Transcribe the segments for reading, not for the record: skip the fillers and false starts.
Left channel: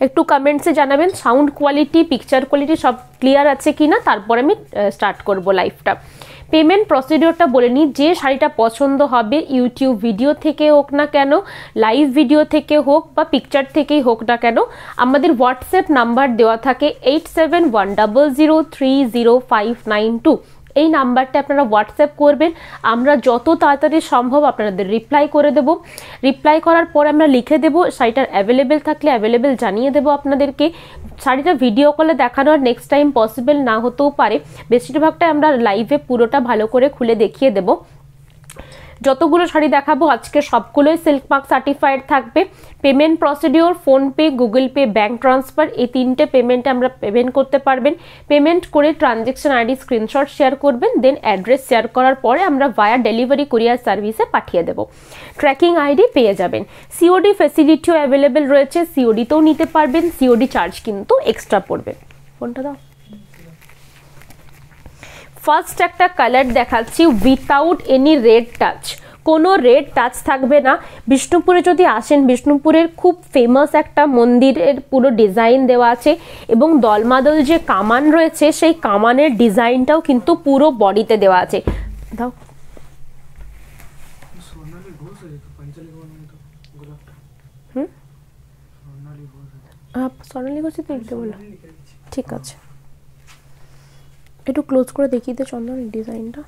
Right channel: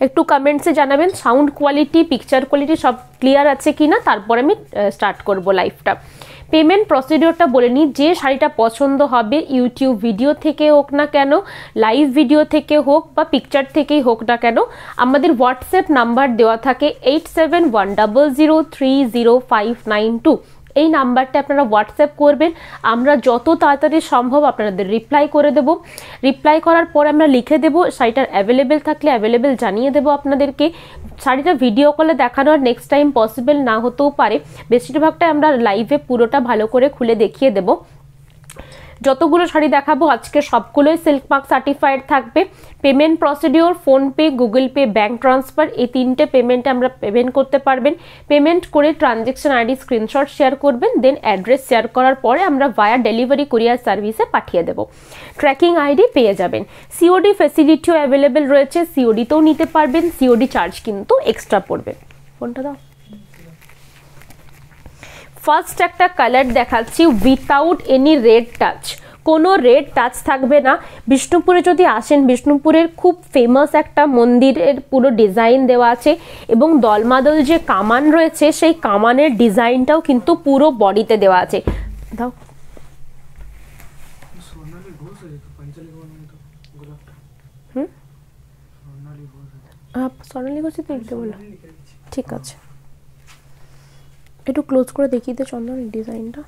একটু কমেন্টসে জানাবেন সাউন্ড কোয়ালিটি, পিকচার কোয়ালিটি সব ক্লিয়ার আছে কিনা, তারপর আমি স্টার্ট করব লাইভটা। পেমেন্ট প্রসিডিওরটা বলে নিই, যে শাড়িটা পছন্দ হবে ইউটিউব ভিডিও থেকে হোক না কেন, লাইভ ভিডিও থেকে হোক বা পিকচার থেকেই হোক না কেন, আমাদের হোয়াটসঅ্যাপ নাম্বার দেওয়া থাকে 8710030592। এই নাম্বারটা আপনারা হোয়াটসঅ্যাপ করবেন, আমরা যত তাড়াতাড়ি সম্ভব আপনাদের রিপ্লাই করে দেব। রিপ্লাই করার পর আমরা লিখে দেব, শাড়িটার অ্যাভেলেবেল থাকলে অ্যাভেলেবেল জানিয়ে দেব আপনাদেরকে। শাড়িটা ভিডিও কলে দেখানো আর নেক্সট টাইম পসিবল না হতেও পারে, বেশিরভাগটা আমরা লাইভে পুরোটা ভালো করে খুলে দেখিয়ে দেব। যতগুলো শাড়ি দেখাবো আজকে সবগুলোই সিল্ক মার্ক সার্টিফাইড থাকবে। Payment procedure PhonePe, Google pay, bank transfer, এই তিনটে পেমেন্টে আমরা পেমেন্ট করতে পারবেন। পেমেন্ট করে ট্রানজ্যাকশন আইডি স্ক্রিনশট শেয়ার করবেন, দেন অ্যাড্রেস শেয়ার করার পরে আমরা ভায়া ডেলিভারি কুরিয়ার সার্ভিসে পাঠিয়ে দেব। ট্র্যাকিং আইডি পেয়ে যাবেন। সিওডি ফ্যাসিলিটিও অ্যাভেলেবেল রয়েছে, সিওডিতেও নিতে পারবেন, সিওডি চার্জ কিন্তু এক্সট্রা পড়বে। ফোনটা দাও। ফার্স্ট একটা কালার দেখাচ্ছি উইথাউট এনি রেড টাচ, কোনো রেড টাচ থাকবে না। বিষ্ণুপুরে যদি আসেন, বিষ্ণুপুরের খুব ফেমাস একটা মন্দিরের পুরো ডিজাইন দেওয়া আছে এবং দলমাদল যে কামান রয়েছে সেই কামানের ডিজাইনটাও কিন্তু পুরো বডিতে দেওয়া আছে। দাও সোনালি ঘোষ দেখতে বলো, ঠিক আছে একটু ক্লোজ করে দেখিয়ে দে চন্দন ডিজাইনটা।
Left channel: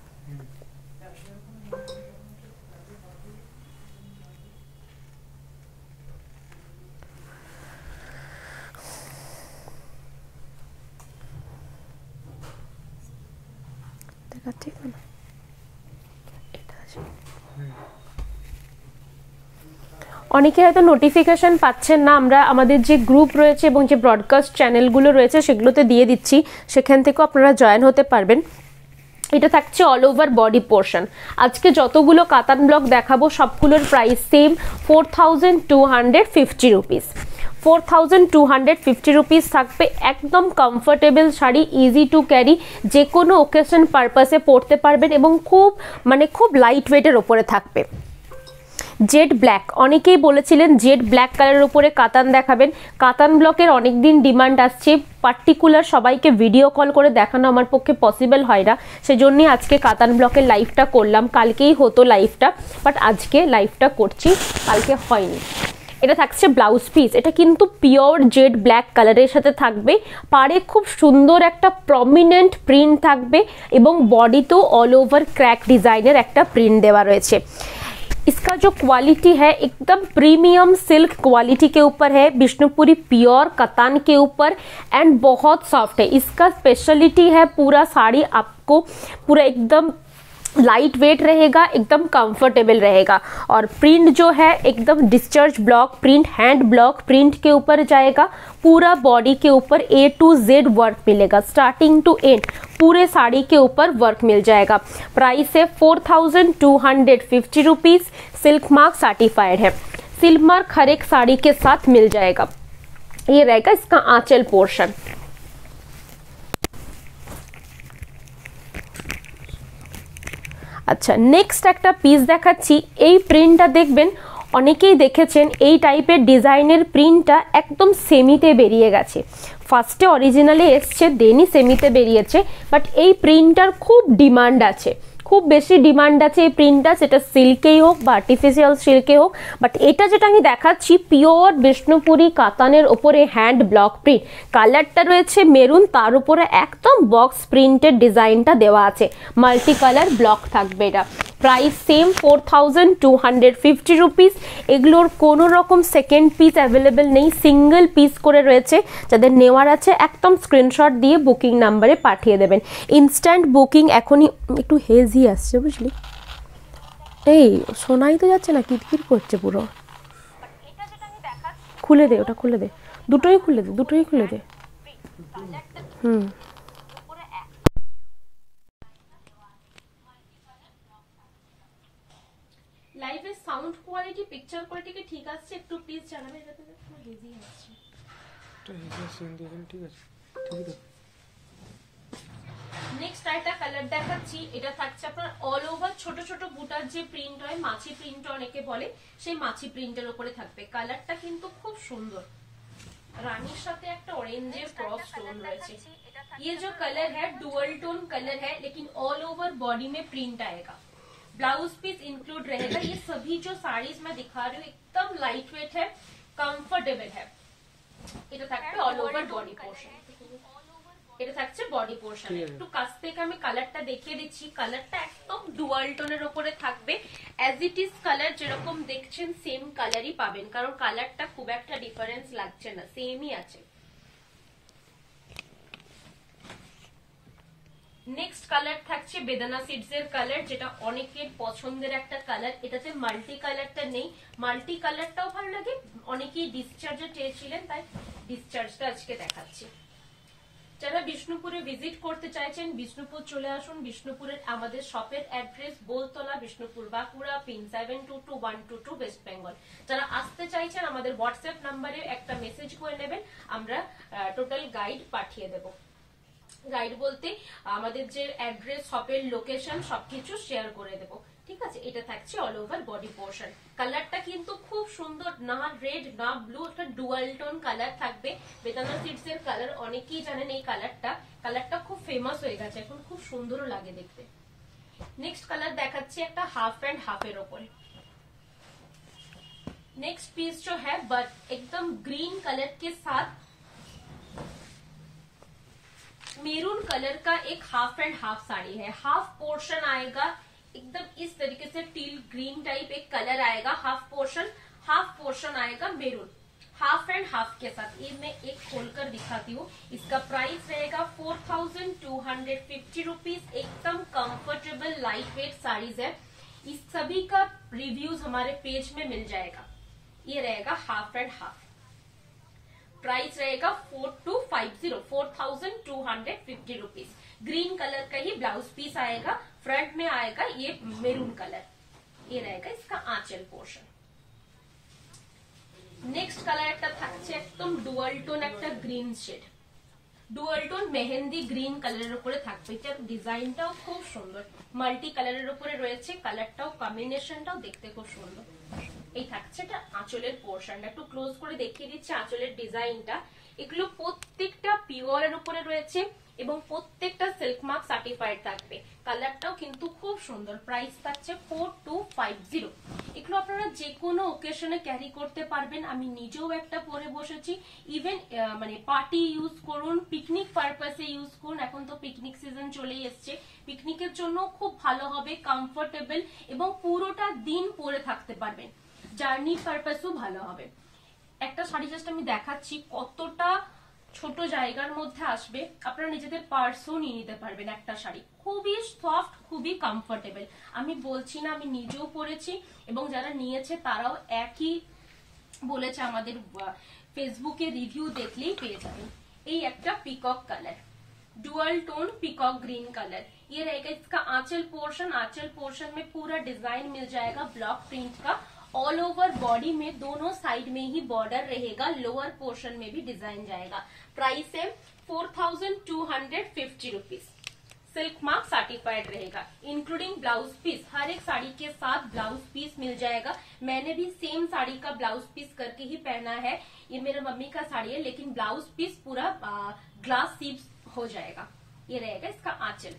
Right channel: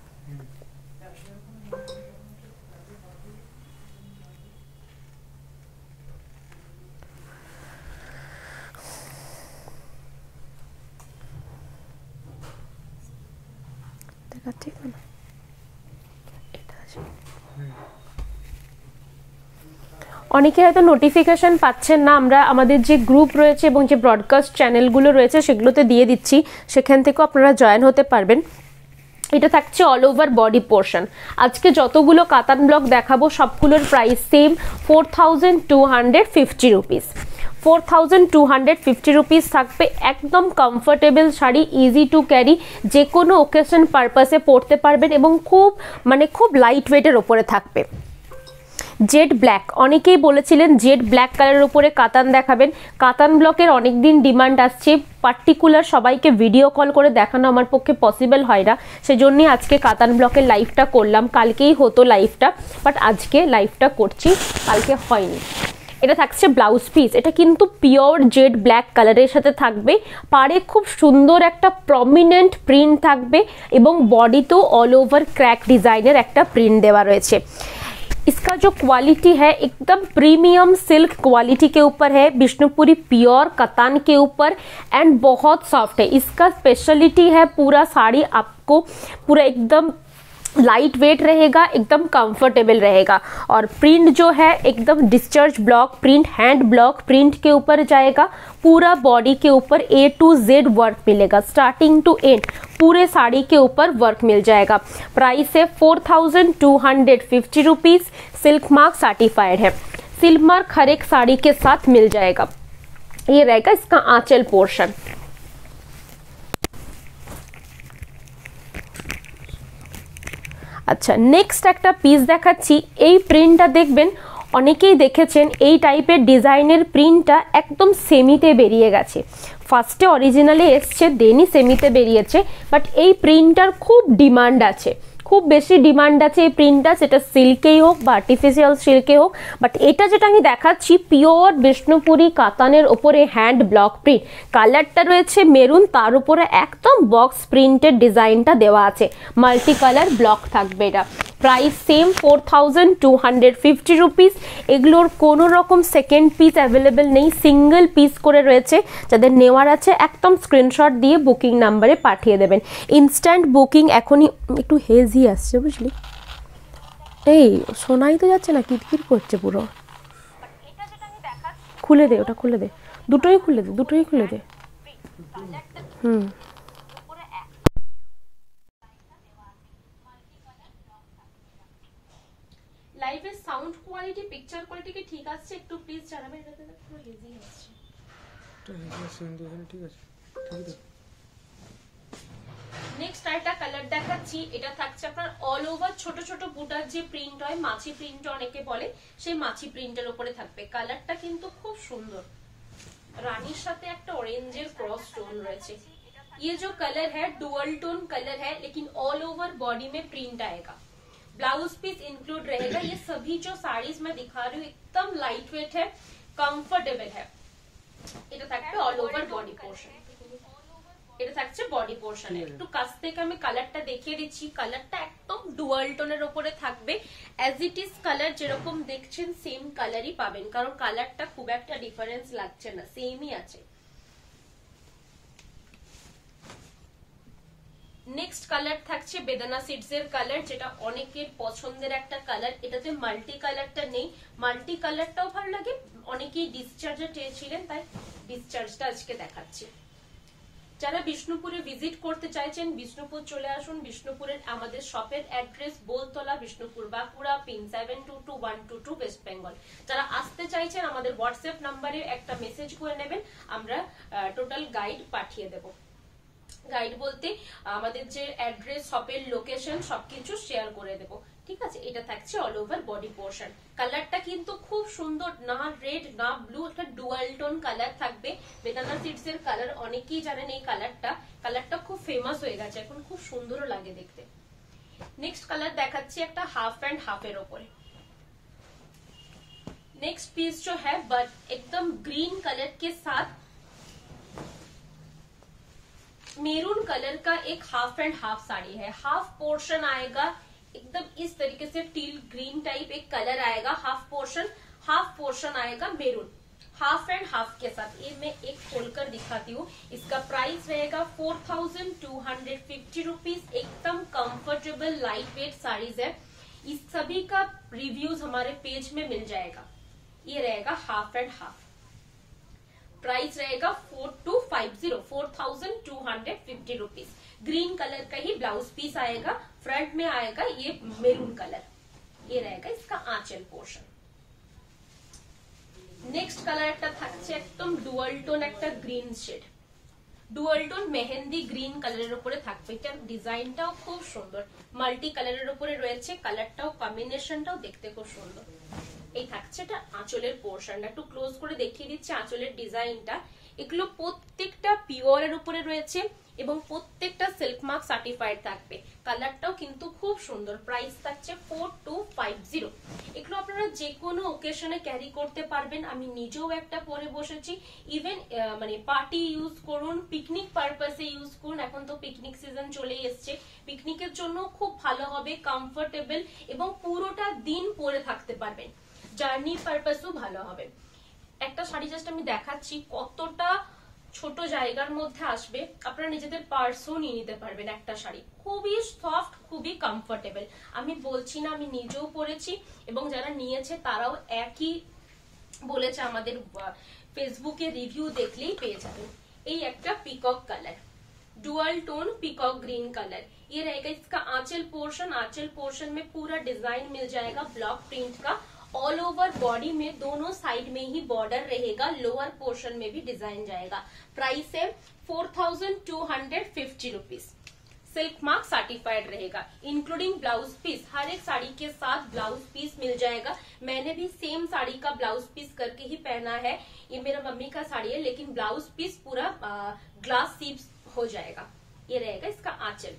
দেখাচ্ছি না অনেকে হয়তো নোটিফিকেশন পাচ্ছেন না, আমরা আমাদের যে গ্রুপ রয়েছে এবং যে ব্রডকাস্ট চ্যানেলগুলো রয়েছে সেগুলোতে দিয়ে দিচ্ছি, সেখান থেকেও আপনারা জয়েন হতে পারবেন। এটা থাকছে অল ওভার বডি পোর্শন। আজকে যতগুলো কাতান ব্লক দেখাবো সবগুলোর প্রাইস সেম 4250 রুপিস। 4250 রুপিস থাকবে। একদম comfortable sari, easy to carry, যে কোনো ওকেশন পারপাসে পরতে পারবেন এবং খুব লাইট ওয়েটের ওপরে থাকবে। জেড ব্ল্যাক, অনেকেই বলেছিলেন জেড ব্ল্যাক কালারের উপরে কাতান দেখাবেন। কাতান ব্লকের অনেকদিন ডিমান্ড আসছে, পার্টিকুলার সবাইকে ভিডিও কল করে দেখানো আমার পক্ষে পসিবল হয় না, সেজন্যই আজকে কাতান ব্লকের লাইভটা করলাম। কালকেই হতো লাইভটা, বাট আজকে লাইভটা করছি, কালকে হয়নি। এটা থাকছে ব্লাউজ পিস, এটা কিন্তু পিওর জেড ব্ল্যাক কালারের সাথে থাকবে। পাড়ে খুব সুন্দর একটা প্রমিনেন্ট প্রিন্ট থাকবে এবং বডিতেও অল ওভার ক্র্যাক ডিজাইনের একটা প্রিন্ট দেওয়া রয়েছে। इसका जो क्वालिटी है एकदम प्रीमियम सिल्क क्वालिटी के ऊपर है, विष्णुपुरी प्योर कतान के ऊपर एंड बहुत सॉफ्ट है। इसका स्पेशलिटी है पूरा साड़ी आपको पूरा एकदम लाइट वेट रहेगा, एकदम कंफर्टेबल रहेगा। और प्रिंट जो है एकदम discharge block print, hand block print के ऊपर जाएगा। पूरा बॉडी के ऊपर A to Z वर्क मिलेगा, स्टार्टिंग टू एंड पूरे साड़ी के ऊपर वर्क मिल जाएगा। प्राइस है 4250 रुपीज। सिल्क मार्क सर्टिफाइड है, सिल्क मार्क हर एक साड़ी के साथ मिल जाएगा। ये रहेगा इसका आंचल पोर्शन। আচ্ছা, নেক্সট একটা পিস দেখাচ্ছি। এই প্রিন্টটা দেখবেন অনেকেই দেখেছেন, এই টাইপের ডিজাইনের প্রিন্টটা একদম সেমিতে বেরিয়ে গেছে। ফার্স্টে অরিজিনালি এসছে, দেনই সেমিতে বেরিয়েছে, বাট এই প্রিন্টটার খুব ডিমান্ড আছে, খুব বেশি ডিমান্ড আছে এই প্রিন্টটা, সেটা সিল্কেই হোক বা আর্টিফিশিয়াল সিল্কে হোক। বাট এটা যেটা আমি দেখাচ্ছি পিওর বিষ্ণুপুরি কাতানের ওপরে হ্যান্ড ব্লক প্রিন্ট, কালারটা রয়েছে মেরুন, তার উপরে একদম বক্স প্রিন্টের ডিজাইনটা দেওয়া আছে, মাল্টি কালার ব্লক থাকবে। এটা প্রাইস সেম 4250 রুপিস। এগুলোর কোনো রকম সেকেন্ড পিস অ্যাভেলেবেল নেই, সিঙ্গেল পিস করে রয়েছে। যাদের নেওয়ার আছে একদম স্ক্রিনশট দিয়ে বুকিং নাম্বারে পাঠিয়ে দেবেন। ইনস্ট্যান্ট বুকিং এখনই একটু হেজি আসছে বুঝলি, এই শোনাই তো যাচ্ছে না, কিটকিট করছে পুরো। খুলে দে, ওটা খুলে দে, দুটোই খুলে দে, দুটোই খুলে দে। লাইভের সাউন্ড কোয়ালিটি, পিকচার কোয়ালিটি কি ঠিক আছে? একটু প্লিজ জানাবেন। এটাতে পুরো হেজি আসছে, তো হেজি আসছে কিন্তু ঠিক আছে, ঠিক আছে। নেক্সট একটা কালার দেখাচ্ছি, এটা থাকছে আপনার অল ওভার ছোট ছোট বুটার যে প্রিন্ট হয়, মাছি প্রিন্ট অনেকে বলে, সেই মাছি প্রিন্টের উপরে থাকবে। কালারটা কিন্তু খুব সুন্দর, रानी साथे एक ऑरेंजर क्रॉस स्टोन रहे। ये जो कलर है डुअल टोन कलर है, लेकिन ऑल ओवर बॉडी में प्रिंट आएगा। ब्लाउज पीस इंक्लूड रहेगा। ये सभी जो साड़ीज मैं दिखा रही हूँ एकदम लाइट वेट है, कंफर्टेबल है। এটা থাকবে অল ওভার বডি পোর্শন, এটা থাকছে বডি পোর্শন। একটু কাছ থেকে আমি কালারটা দেখিয়ে দিচ্ছি। কালারটা একদম ডুয়াল টোনের উপরে থাকবে, অ্যাজ ইট ইজ কালার যেরকম দেখছেন সেম কালারই পাবেন, কারণ কালারটা খুব একটা ডিফারেন্স লাগছে না, সেমই আছে। নেক্সট কালার থাকছে বেদানা সিডস এর কালার, যেটা অনেকের পছন্দের একটা কালার। এটাতে মাল্টি কালারটা নেই, মাল্টি কালারটাও ভালো লাগে, অনেকেই ডিসচার্জে চেয়েছিলেন, তাই ডিসচার্জটা আজকে দেখাচ্ছি। যারা বিষ্ণুপুরে ভিজিট করতে চাইছেন বিষ্ণুপুর চলে আসুন। বিষ্ণুপুরের আমাদের শপের address Boltala, Bishnupur, Bankura, pin 722122 West Bengal. যারা আসতে চাইছেন আমাদের হোয়াটসঅ্যাপ নাম্বারে একটা মেসেজ করে নেবেন, আমরা টোটাল গাইড পাঠিয়ে দেব। গাইড বলতে আমাদের যে অ্যাড্রেস, শপের লোকেশন সবকিছু শেয়ার করে দেব, ঠিক আছে। এটা থাকছে অল ওভার বডি পোর্শন। কালারটা কিন্তু খুব সুন্দর, না রেড না ব্লু, একটা ডুয়াল টোন কালার থাকবে। বেদানা সিডস এর কালার অনেকেই জানেন, এই কালারটা খুব ফেমাস হয়ে গেছে এখন, খুব সুন্দরও লাগে দেখতে। নেক্সট কালার দেখাচ্ছি একটা হাফ অ্যান্ড হাফ এর ওপরে। नेक्स्ट पीस जो है एकदम ग्रीन कलर के साथ मेरून कलर का एक हाफ एंड हाफ साड़ी है। हाफ पोर्शन आएगा एकदम इस तरीके से टील ग्रीन टाइप एक कलर आएगा, हाफ पोर्शन आएगा मेरून, हाफ एंड हाफ के साथ। ये मैं एक खोलकर दिखाती हूँ। इसका प्राइस रहेगा 4250 रुपीज। एकदम कंफर्टेबल लाइट वेट साड़ीज है। इस सभी का रिव्यूज हमारे पेज में मिल जाएगा। ये रहेगा हाफ एंड हाफ। प्राइस रहेगा 4250 रुपीज। ग्रीन कलर का ही ब्लाउज पीस आएगा, फ्रंट में आएगा ये मेरून कलर, ये रहेगा इसका आंचल पोर्शन। नेक्स्ट कलर एकदम डुअल टोन एक green shade, dual tone mehendi green colour থাকবে। ডিজাইনটাও খুব সুন্দর, মাল্টি কালারের উপরে রয়েছে। কালারটাও কম্বিনেশনটাও দেখতে খুব সুন্দর। এই থাকছে এটা আঁচলের পোর্শনটা, একটু ক্লোজ করে দেখিয়ে দিচ্ছি আঁচলের ডিজাইনটা। এগুলো প্রত্যেকটা পিওরের উপরে রয়েছে এবং প্রত্যেকটা সিল্ক মার্ক সার্টিফাইড থাকবে। কালারটাও কিন্তু খুব সুন্দর। প্রাইস থাকছে 4250। এগুলো আপনারা যে কোনো ওকেশনে ক্যারি করতে পারবেন। আমি নিজেও একটা পরে বসেছি। ইভেন মানে পার্টি ইউজ করুন, পিকনিক পারপাসে ইউজ করুন। এখন তো পিকনিক সিজন চলেই এসছে, পিকনিকের জন্য খুব ভালো হবে, কমফোর্টেবল এবং পুরোটা দিন পরে থাকতে পারবেন। জার্নি পারপাসও ভালো হবে। একটা শাড়ি জাস্ট আমি দেখাচ্ছি কতটা ছোট জায়গার মধ্যে আসবে, আপনারা নিজেদের পার্সও নিয়ে নিতে পারবেন। একটা শাড়ি খুবই সফট, খুবই কমফোর্টেবল। আমি বলছি না, আমি নিজেও পরেছি এবং যারা নিয়েছে তারাও একই বলেছে। আমাদের ফেসবুকে রিভিউ দেখলেই পেয়ে যাবেন। এই একটা peacock colour, dual tone peacock green colour, ये रहेगा इसका आंचल पोर्शन। आंचल पोर्शन में पूरा डिजाइन मिल जाएगा ब्लॉक प्रिंट का। ऑल ओवर बॉडी में दोनों साइड में ही बॉर्डर रहेगा, लोअर पोर्शन में भी डिजाइन जाएगा। प्राइस है 4250 रुपीज। सिल्क मार्क सर्टिफाइड रहेगा, इंक्लूडिंग ब्लाउज पीस। हर एक साड़ी के साथ ब्लाउज पीस मिल जाएगा। मैंने भी सेम साड़ी का ब्लाउज पीस करके ही पहना है। ये मेरा मम्मी का साड़ी है, लेकिन ब्लाउज पीस पूरा ग्लास सीप्स हो जाएगा। ये रहेगा इसका आंचल।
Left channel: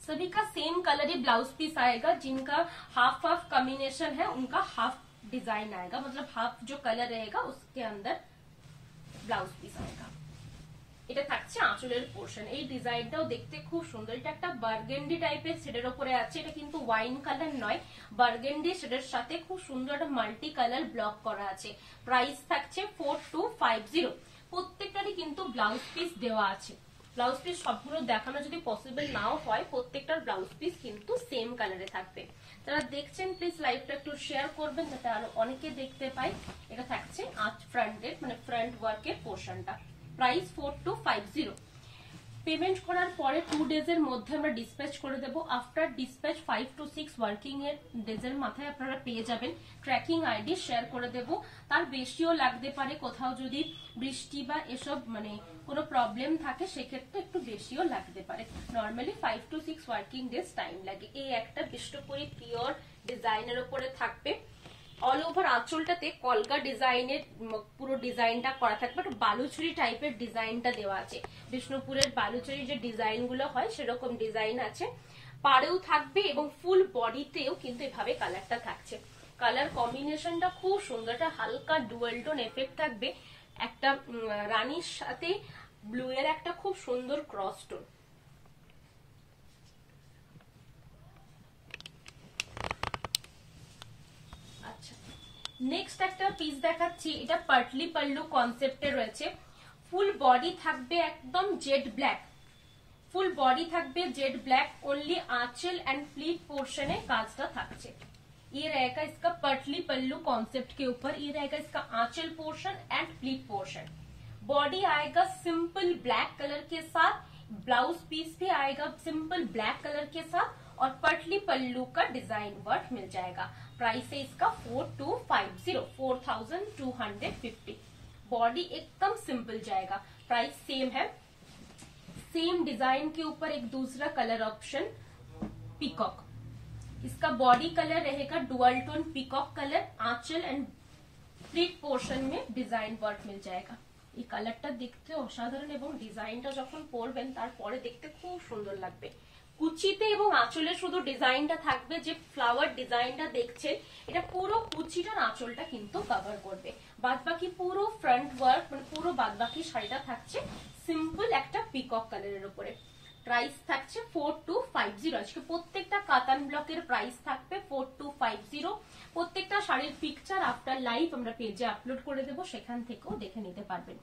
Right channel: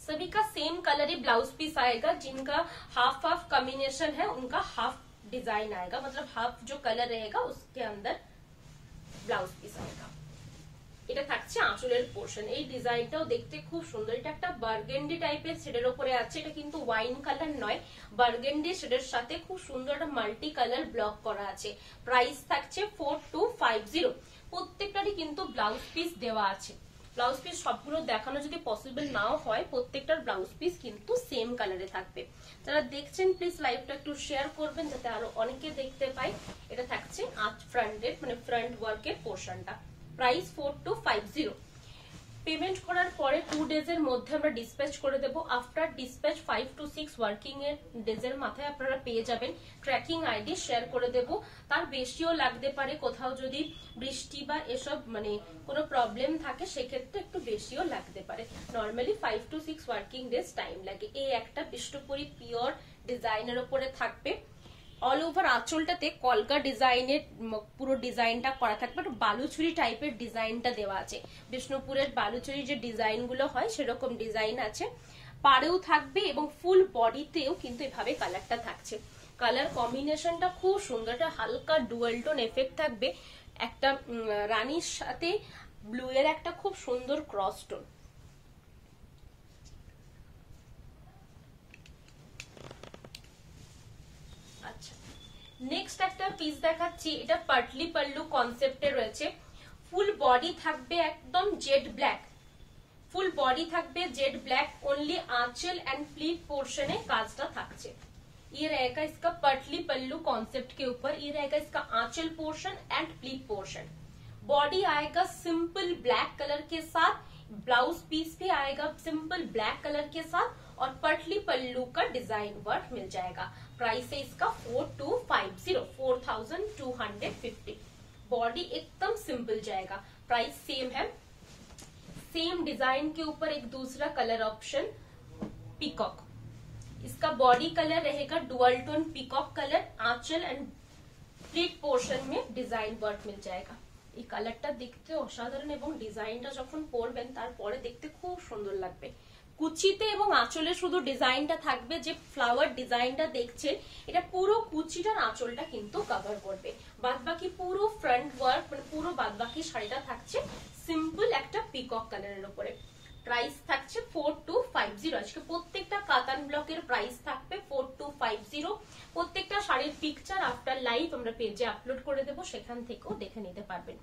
सभी का सेम कलर ही ब्लाउज पीस आएगा। जिनका हाफ हाफ कॉम्बिनेशन है उनका हाफ डिजाइन आएगा, मतलब हाफ जो कलर रहेगा उसके अंदर ब्लाउज पीस आएगा। এটা থাকছে আঁচলের পোর্শন। এই ডিজাইনটাও দেখতে খুব সুন্দর। এটা একটা বার্গেন্ডি টাইপের শেডের উপরে আছে। এটা কিন্তু ওয়াইন কালার নয়, বার্গেন্ডি শেডের সাথে খুব সুন্দর একটা মাল্টি কালার ব্লক করা আছে। প্রাইস থাকছে 4250। প্রত্যেকটারই কিন্তু ব্লাউজ পিস দেওয়া আছে। ব্লাউজ পিস সবগুলো দেখানো যদি পসিবল নাও হয়, প্রত্যেকটার ব্লাউজ পিস কিন্তু সেম কালারে থাকবে। যারা দেখছেন প্লিজ লাইভটা একটু শেয়ার করবেন যাতে আরো অনেকে দেখতে পায়। এটা থাকছে ফ্রন্টের মানে ফ্রন্ট ওয়ার্কের পোর্শনটা। প্রাইস 4250। পেমেন্ট করার পরে 2 ডেজের মধ্যে আমরা ডিসপ্যাচ করে দেব। আফটার ডিসপ্যাচ 5 to 6 ওয়ার্কিং এর ডেজের মাথায় আপনারা পেয়ে যাবেন। ট্র্যাকিং আইডি শেয়ার করে দেব। তার বেশিও লাগতে পারে, কোথাও যদি বৃষ্টি বা এসব মানে কোনো প্রবলেম থাকে সেক্ষেত্রে একটু বেশিও লাগতে পারে। Normally 5 to 6 working days time লাগে। এই একটা বিষ্ণুপুরি পিওর ডিজাইনের উপরে থাকবে। অল ওভার আঁচলটাতে কলকা ডিজাইনের পুরো ডিজাইনটা করা থাকবে, বালুচুরি টাইপের ডিজাইনটা দেওয়া আছে। বিষ্ণুপুরের বালুচুরি যে ডিজাইন গুলো হয় সেরকম ডিজাইন আছে, পাড়েও থাকবে এবং ফুল বডিতেও কিন্তু এভাবে কালারটা থাকছে। কালার কম্বিনেশনটা খুব সুন্দর, একটা হালকা ডুয়াল টোন এফেক্ট থাকবে, একটা রানীর সাথে ব্লু এর একটা খুব সুন্দর ক্রস টোন। আচ্ছা, নেক্সট একটা পিস দেখাচ্ছি, এটা পাটলি পাল্লু কনসেপ্টে রয়েছে। ফুল বডি থাকবে একদম জেড ব্ল্যাক, ফুল বডি থাকবে জেড ब्लैक, ओनली आंचल एंड प्लीट पोर्शन है काजटा থাকছে। ये रहेगा इसका पटली पल्लू कॉन्सेप्ट के ऊपर, ये रहेगा इसका आंचल portion and pleat portion. Body आएगा सिंपल ब्लैक कलर के साथ, ब्लाउज पीस भी आएगा सिंपल ब्लैक कलर के साथ और पटली पल्लू का डिजाइन वर्क मिल जाएगा। प्राइस है इसका 4250, बॉडी एकदम सिंपल जाएगा। प्राइस सेम है। सेम डिजाइन के ऊपर एक दूसरा कलर ऑप्शन पीकॉक, इसका बॉडी कलर रहेगा डुअल टोन पीकॉक कलर, आंचल एंड प्लीट पोर्शन में डिजाइन वर्क मिल जाएगा। এই কালারটা দেখতে অসাধারণ এবং ডিজাইনটা যখন পরবেন তারপরে দেখতে খুব সুন্দর লাগবে। কুচিতে এবং আঁচলে শুধু ডিজাইনটা থাকবে, যে ফ্লাওয়ার ডিজাইনটা দেখছেন এটা পুরো কুচিটার আঁচলটা কিন্তু কভার করবে, বাদবাকি পুরো ফ্রন্ট ওয়ার্ক মানে পুরো বাদবাকি শাড়িটা থাকছে সিম্পল একটা পিকক কালারের উপরে। প্রাইস থাকছে 4250। আজকে প্রত্যেকটা কাতান ব্লকের প্রাইস থাকবে 4250। প্রত্যেকটা শাড়ির পিকচার আফটার লাইভ আমরা পেজে আপলোড করে দেবো, সেখান থেকেও দেখে নিতে পারবেন।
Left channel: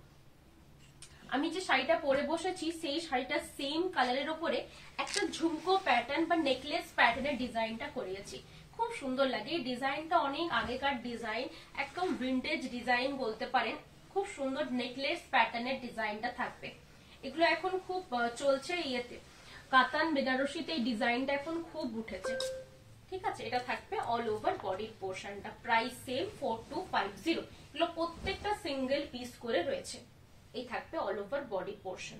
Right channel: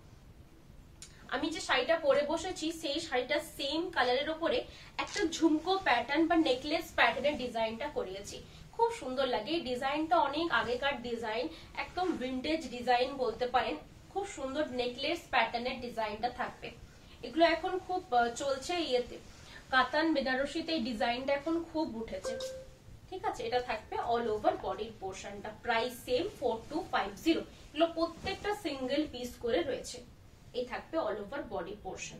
আমি যে শাড়িটা পরে বসেছি সেই শাড়িটা সেম কালারের উপরে একটা ঝুমকো প্যাটার্ন বা নেকলেস প্যাটার্নের ডিজাইনটা করিয়েছি, খুব সুন্দর লাগে। এই ডিজাইনটা অনেক আগেকার ডিজাইন, একদম ভিন্টেজ ডিজাইন বলতে পারেন। খুব সুন্দর নেকলেস প্যাটার্নের ডিজাইনটা থাকবে। এগুলো এখন খুব চলছে ইয়েতে, কাতান বেনারসিতে এই ডিজাইনটা এখন খুব উঠেছে। ঠিক আছে, এটা থাকবে অল ওভার বডির পোর্শনটা। Price same 4250। এগুলো প্রত্যেকটা সিঙ্গেল পিস করে রয়েছে। এই থাকবে all over body portion.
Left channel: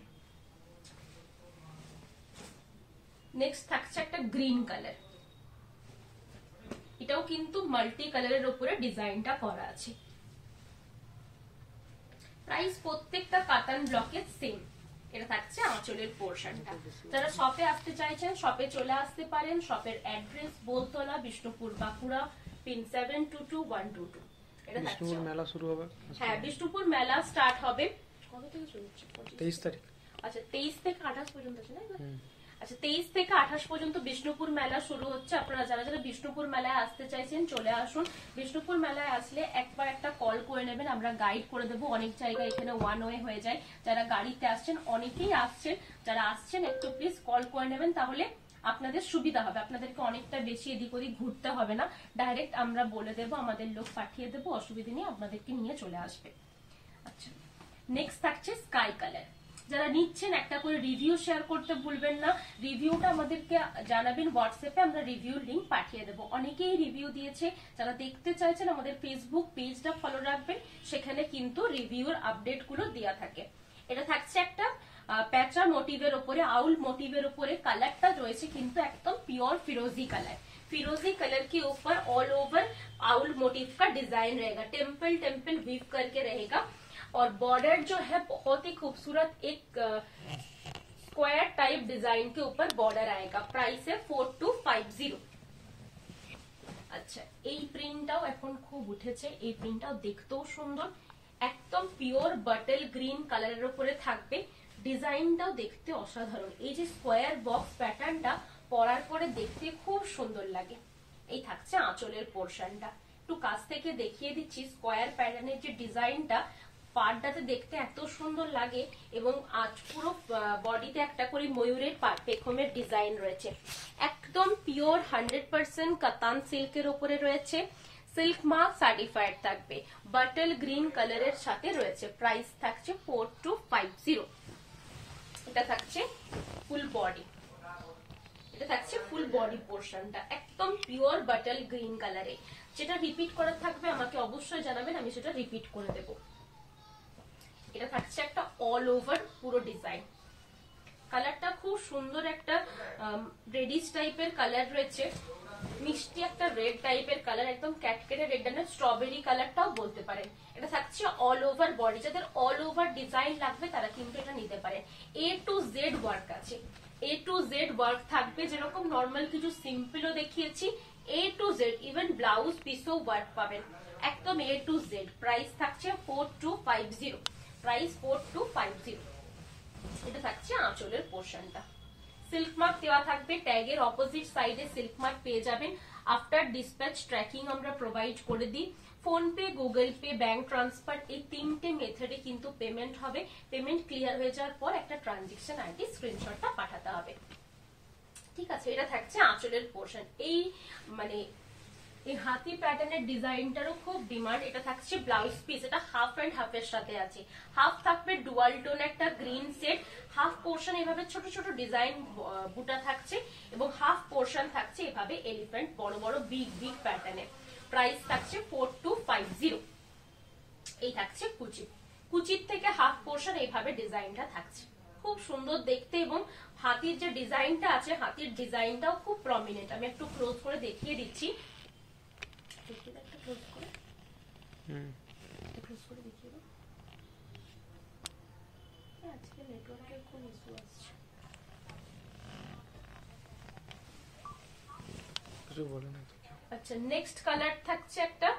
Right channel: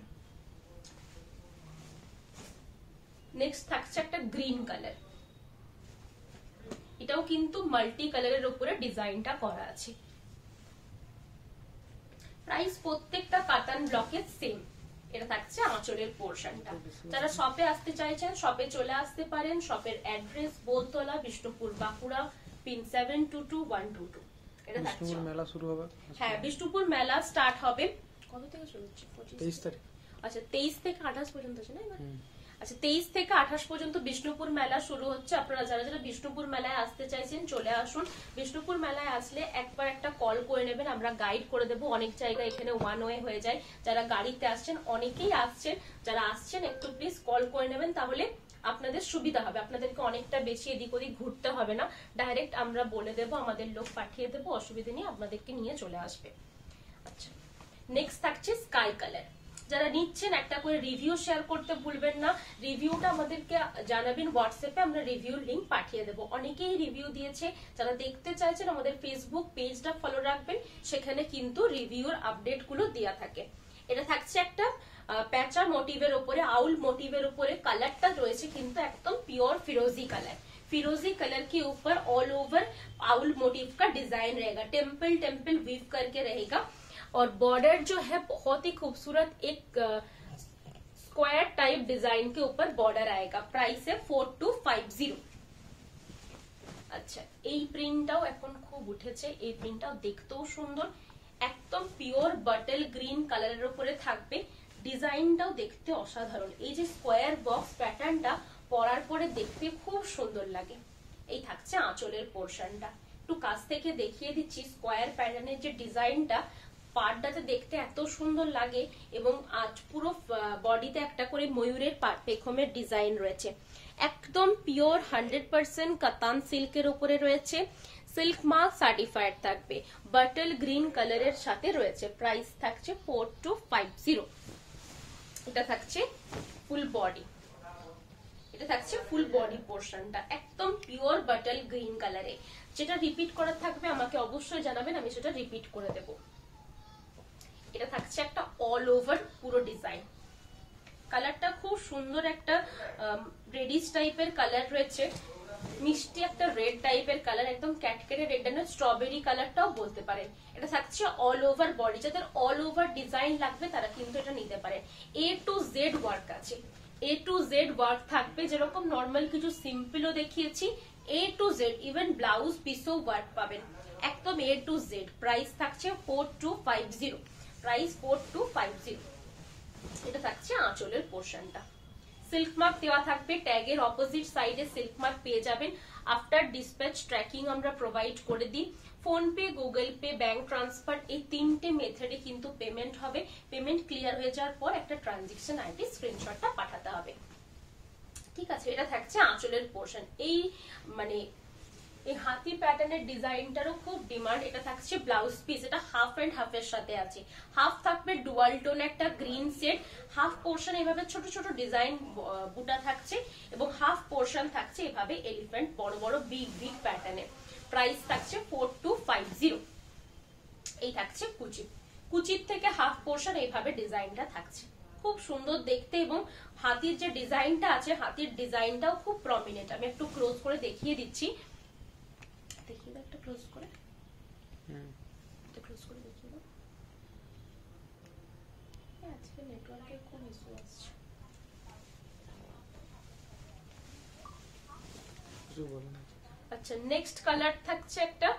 Next থাকছে একটা গ্রিন কালার, এটাও কিন্তু মাল্টি কালারের উপরে ডিজাইনটা করা আছে। প্রাইস প্রত্যেকটা কাতান ব্লকের সেম। এটা থাকছে আঁচলের পোর্শনটা। যারা শপে আসতে চাইছেন শপে চলে আসতে পারেন। শপের অ্যাড্রেস বোলতলা, বিষ্ণুপুর, বাঁকুড়া, পিন 722122। এটা থাকছে মেলা শুরু হবে। হ্যাঁ, বিষ্ণুপুর মেলা স্টার্ট হবে কত থেকে শুরু হচ্ছে? 23 তারিখ। আচ্ছা, 23 থেকে 28 পর্যন্ত আছে না? আচ্ছা, 23 থেকে 28 পর্যন্ত বিষ্ণুপুর মেলা শুরু হচ্ছে। আপনারা যারা যারা বিষ্ণুপুর মেলায় আসতে চাইছেন চলে আসুন। বিষ্ণুপুর মেলায় আসলে একবার একটা কল করে নেবেন, আমরা গাইড করে দেবো। অনেক জায়গা এখানে ওয়ান ওয়ে হয়ে যায়। যারা গাড়িতে আসছেন, অনেকেই আসছেন, যারা আসছেন একটু প্লিজ কল করে নেবেন, তাহলে আপনাদের সুবিধা হবে। আপনাদেরকে অনেকটা বেশি এদিক ওদিক ঘুরতে হবে না, ডাইরেক্ট আমরা বলে দেবো, আমাদের লোক পাঠিয়ে দেবো, অসুবিধা নেই, আপনাদেরকে নিয়ে চলে আসবে। আচ্ছা, নেক্সট থাকছে স্কাই কালার। যারা নিচ্ছেন একটা করে রিভিউ শেয়ার করতে ভুলবেন না। রিভিউটা আমাদেরকে জানাবেন হোয়াটসঅ্যাপে, আমরা রিভিউ লিংক পাঠিয়ে দেবো। অনেকেই রিভিউ দিয়েছে, যারা দেখতে চাইছেন আমাদের ফেসবুক পেজটা ফলো রাখবেন, সেখানে কিন্তু রিভিউর আপডেট গুলো দেওয়া থাকে। এটা থাকছে একটা প্যাচা মোটিভের উপরে, আউল মোটিভের উপরে। কালারটা রয়েছে কিন্তু একদম পিওর फिरोजी कलर। फिरोजी कलर के ऊपर ऑल ओवर आउल मोटिव का डिजाइन रहेगा, टेम्पल टेम्पल वीव करके रहेगा और बॉर्डर जो है बहुत ही खूबसूरत एक स्क्वायर टाइप डिजाइन के ऊपर बॉर्डर आएगा। प्राइस है 4250। আচ্ছা, এই প্রিন্টটাও এখন খুব উঠেছে, এই প্রিন্টটাও দেখতেও সুন্দর, একদম পিওর বাটল গ্রিন কালারের উপরে থাকবে। ডিজাইনটাও দেখতে অসাধারণ। এই যে স্কোয়ার বক্স প্যাটার্নটা পরার পরে দেখতে খুব সুন্দর লাগে। এই থাকছে আঁচলের পোর্শনটা, একটু কাছ থেকে দেখিয়ে দিচ্ছি। স্কোয়ার প্যাটার্নের যে ডিজাইনটা পাড়টাতে দেখতে এত সুন্দর লাগে এবং আজ পুরো বডিতে একটা করে ময়ূরের পেখমের ডিজাইন রয়েছে। একদম পিওর 100% কাতান সিল্কের উপরে রয়েছে। সিল্ক মার্ক সার্টিফাইড থাকবে, বাটল গ্রিন কালারের সাথে রয়েছে। প্রাইস থাকছে 4250। এটা থাকছে ফুল বডি, এটা থাকছে ফুল বডি পোর্শনটা একদম পিওর বাটল গ্রিন কালারে। যেটা রিপিট করা থাকবে আমাকে অবশ্যই জানাবেন, আমি সেটা রিপিট করে দেব। এটা থাকছে একটা অল ওভার পুরো ডিজাইন। কালারটা খুব সুন্দর একটা রেডিশ টাইপের কালার রয়েছে, মিষ্টি একটা রেড টাইপের কালার, একদম ক্যাটকেটে রেড না, স্ট্রবেরি কালারটাও বলতে পারেন। এটা থাকছে অল ওভার বডি, যাদের অল ওভার ডিজাইন লাগবে তারা কিন্তু এটা নিতে পারেন। A to Z ওয়ার্ক আছে, A to Z ওয়ার্ক থাকবে, যেরকম নর্মাল কিছু সিম্পলও দেখিয়েছি, A to Z even blouse পিসও ওয়ার্ক পাবেন, একদম A to Z। প্রাইস থাকছে 4250, প্রাইস 4250। এটা থাকছে আঁচলের পোর্শনটা। সিল্ক মার্ক দেওয়া থাকবে, ট্যাগের অপোজিট সাইডে সিল্ক মার্ক পেয়ে যাবেন। আফটার ডিসপ্যাচ ট্র্যাকিং আমরা প্রোভাইড করে দিই। Phone pay, Google pay, bank transfer এই তিনটে মেথডে কিন্তু পেমেন্ট হবে। পেমেন্ট ক্লিয়ার হয়ে যাওয়ার পর একটা ট্রানজেকশন আইডি স্ক্রিনশটটা পাঠাতে হবে, ঠিক আছে। এটা থাকছে আঁচলের পোর্শন। এই মানে এই হাতি প্যাটার্নের ডিজাইনটারও খুব ডিমান্ড। এটা থাকছে ব্লাউজ পিস, এটা হাফ এন্ড হাফ এর সাথে আছে। হাফ থাকবে ডুয়াল টোন একটা গ্রিন সেট, হাফ পোর্শন এভাবে ছোট ছোট ডিজাইন বুটা থাকছে, এবং হাফ পোর্শন থাকছে এভাবে এলিফ্যান্ট বড় বড় বিগ বিগ প্যাটার্নের। প্রাইস থাকছে 4250। এই থাকছে কুচি, কুচির থেকে হাফ পোর্শন এইভাবে ডিজাইনটা থাকছে, খুব সুন্দর দেখতে। এবং হাতির যে ডিজাইনটা আছে, হাতির ডিজাইনটাও খুব প্রমিনেন্ট। আমি একটু ক্লোজ করে দেখিয়ে দিচ্ছি, একটা ক্লোজ করে দেখিয়ে দাও। আজকে নেটওয়ার্কের কোন ইস্যু আসছে? আচ্ছা, নেক্সট কালার থাকছে একটা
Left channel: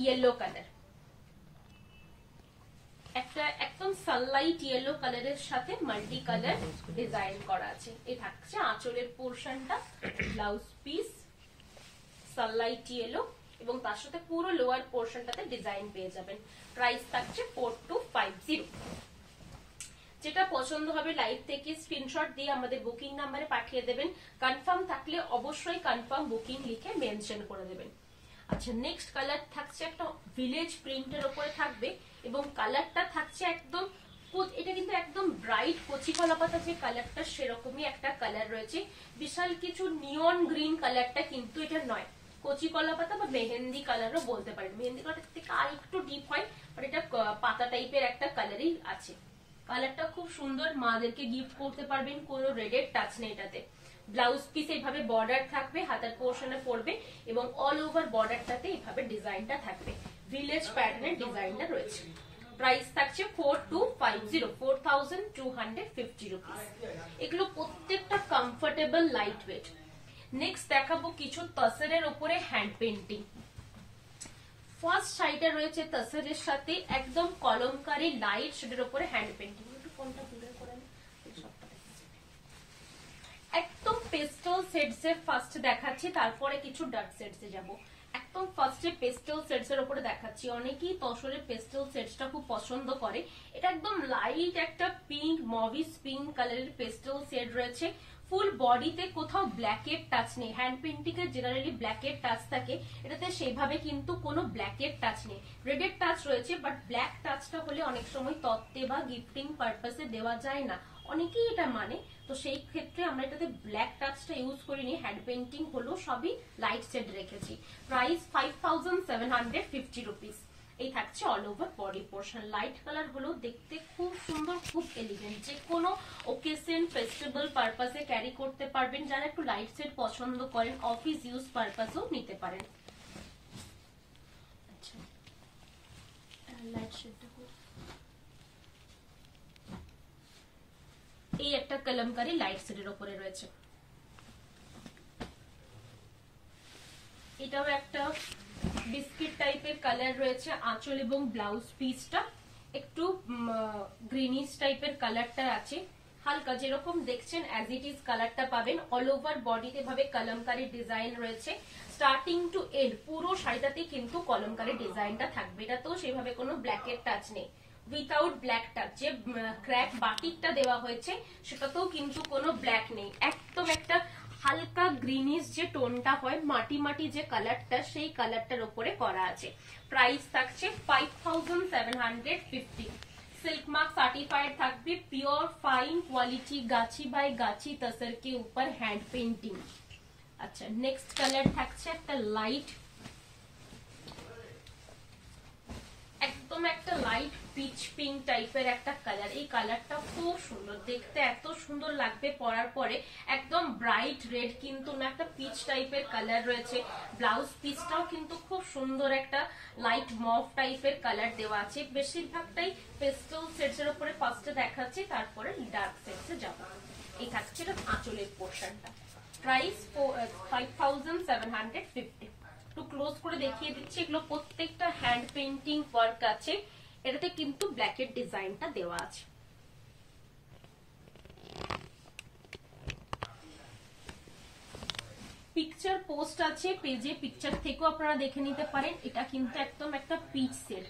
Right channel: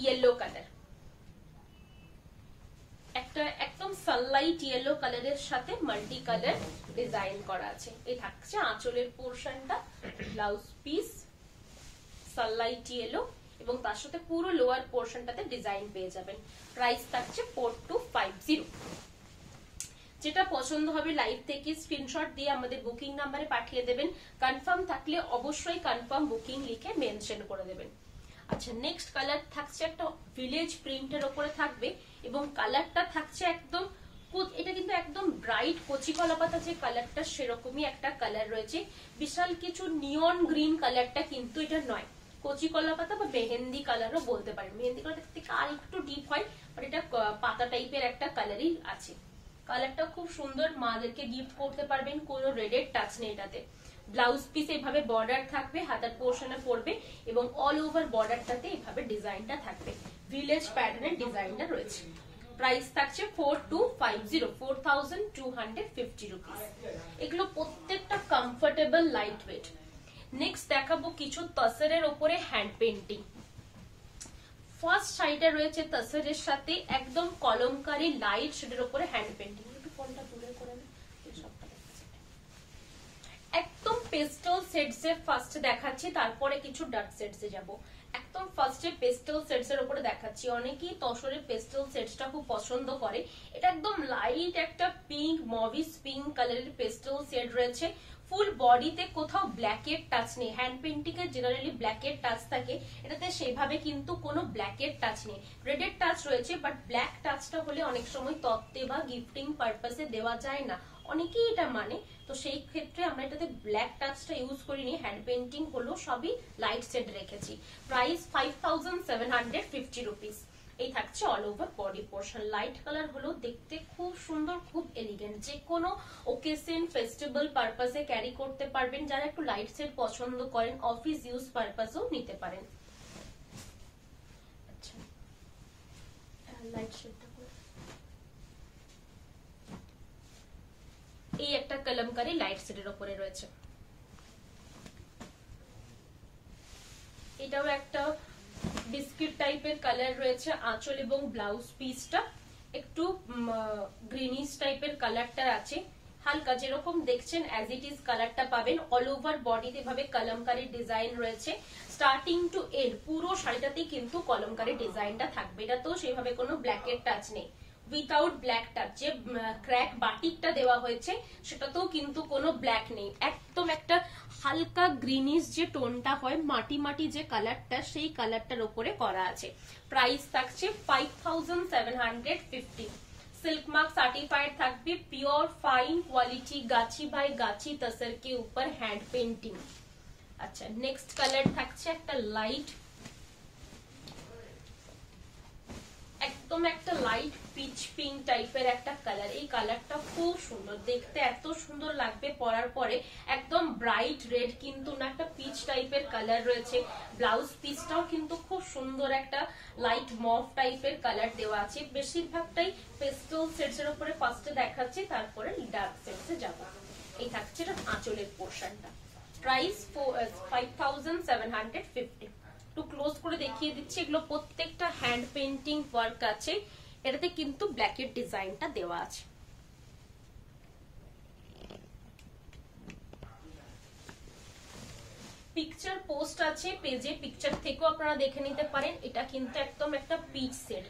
ইয়েলো কালার, একটা একদম সানলাইট ইয়েলো কালারের সাথে মাল্টি কালার ডিজাইন করা আছে। এই থাকছে আঁচলের পোর্শনটা, ব্লাউজ পিস সানলাইট ইয়েলো, এবং তার সাথে পুরো লোয়ার পোর্শনটাতে ডিজাইন পেয়ে যাবেন। প্রাইস থাকছে 4250। যেটা পছন্দ হবে লাইভ থেকে স্ক্রিনশট দিয়ে আমাদের বুকিং নাম্বারে পাঠিয়ে দেবেন। কনফার্ম থাকলে অবশ্যই কনফার্ম বুকিং লিখে মেনশন করে দেবেন। আচ্ছা, নেক্সট কালার থাকছে একটা ভিলেজ প্রিন্টের উপরে থাকবে, এবং কালারটা থাকছে একদম, এটা কিন্তু একদম ব্রাইট কচি কলা পাতা যে কালারটা সেরকমই একটা কালার রয়েছে। বিশাল কিছু নিয়ন গ্রিন কালারটা কিন্তু এটা নয়, কচি কলা পাতা বা মেহেন্দি কালারও বলতে পারেন। মেহেন্দি কালার থেকে আর একটু ডিপ হয়, আর এটা পাতা টাইপের একটা কালারই আছে। কালারটা খুব সুন্দর, মাদেরকে গিফট করতে পারবেন, কোনো রেডের টাচ নেই এটাতে। ব্লাউজ পিস এইভাবে বর্ডার থাকবে, হাতার পোর্শনে পড়বে, এবং অল ওভার বর্ডারটাতে এইভাবে ডিজাইনটা থাকবে, ভিলেজ প্যাটার্নের ডিজাইনটা রয়েছে। প্রাইস থাকছে 4250, 4250 রুপিস। এগুলো প্রত্যেকটা কমফোর্টেবল লাইট ওয়েট। নেক্সট দেখাবো কিছু তসরের উপরে হ্যান্ড পেন্টিং। ফার্স্ট সাইডে রয়েছে তসরের সাথে একদম কলমকারী লাইট শেডের উপরে হ্যান্ড পেন্টিং। একটু ফোনটা দূরে করে একদম পেস্টেল সেটস এর ফার্স্ট দেখাচ্ছি, তারপরে কিছু ডার্ক সেটস এ যাবো। একদম ফার্স্টে পেস্টেল সেটস এর উপরে দেখাচ্ছি। অনেকেই তসরের পেস্টেল সেটসটা খুব পছন্দ করে। এটা একদম লাইট একটা পিঙ্ক, মভিস পিঙ্ক কালারের পেস্টেল সেট রয়েছে। ফুল বডিতে কোথাও ব্ল্যাকের টাচ নেই। হ্যান্ড পেন্টিং এর জেনারেলি ব্ল্যাকের টাচ থাকে, এটাতে সেভাবে কিন্তু কোনো ব্ল্যাকের টাচ নেই। রেডের টাচ রয়েছে, বাট ব্ল্যাক টাচটা হলে অনেক সময় তত্ত্বে বা গিফটিং পারপাসে দেওয়া যায় না, অনেকেই এটা মানে। তো সেই ক্ষেত্রে আমরা এটাতে ব্ল্যাক টাচটা ইউজ করিনি, হ্যান্ড পেন্টিং হলো সবই লাইট সেট রেখেছি। Price 5750 rupees. এই থাকছে all over body portion. Light colour হলো দেখতে খুব সুন্দর, খুব এলিগেন্ট, যে কোনো ওকেশন ফেস্টিভ্যাল পারপাসে ক্যারি করতে পারবেন। যারা একটু লাইট সেট পছন্দ করেন, অফিস ইউজ পারপাসেও নিতে পারেন। আচ্ছা, লাইট শেডটা এই একটা কলমকারী লাইট সেটের উপরে রয়েছে। এটাও একটা বিস্কিট টাইপের কালার রয়েছে। আঁচল এবং ব্লাউজ পিসটা একটু গ্রিনিশ টাইপের কালারটা আছে, হালকা যেরকম দেখছেন অ্যাজ ইট ইজ কালারটা পাবেন। অল ওভার বডিতে ভাবে কলমকারী ডিজাইন রয়েছে, স্টার্টিং টু এন্ড পুরো শাড়িটাতে কিন্তু কলমকারী ডিজাইনটা থাকবে। এটা তো সেভাবে কোনো ব্ল্যাকের টাচ নেই, উইথাউট ব্ল্যাক টাচ। যে ক্র্যাক বাটিকটা দেওয়া হয়েছে সেটাতেও কিন্তু কোনো ব্ল্যাক নেই, একদম একটা হালকা গ্রিনিশ যে টোনটা হয়, মাটি মাটি যে কালারটা, সেই কালারটার উপরে করা আছে। প্রাইস থাকছে 5750। सिल्क मार्क सर्टिफाइड থাকবে, pure fine quality Gachhi by গাছি তসর के ऊपर हैंड पेंटिंग। আচ্ছা, নেক্সট কালার থাকছে একটা লাইট একদম একদম একটা লাইট পিচ পিঙ্ক টাইপের একটা কালার। এই কালারটা খুব সুন্দর দেখতে, এত সুন্দর লাগবে পরার পরে। একদম ব্রাইট রেড কিন্তু না, একটা পিচ টাইপের কালার রয়েছে। ব্লাউজ পিসটাও কিন্তু খুব সুন্দর একটা লাইট মভ টাইপের কালার দেওয়া আছে। বেশিরভাগটাই পেস্টেল শেডস এর উপরে ফার্স্টে দেখাচ্ছি, তারপরে ডার্ক শেডস এ যাবো। এই থাকছে আঁচলের পোর্শনটা। প্রাইস 5750। একটু ক্লোজ করে দেখিয়ে দিচ্ছি, এগুলো প্রত্যেকটা হ্যান্ড পেইন্টিং ওয়ার্ক আছে। এটাতে কিন্তু ব্ল্যাকের ডিজাইনটা দেওয়া আছে। পিকচার পোস্ট আছে পেজে, পিকচার থেকেও আপনারা দেখে নিতে পারেন। এটা কিন্তু একদম একটা পিচ সেট,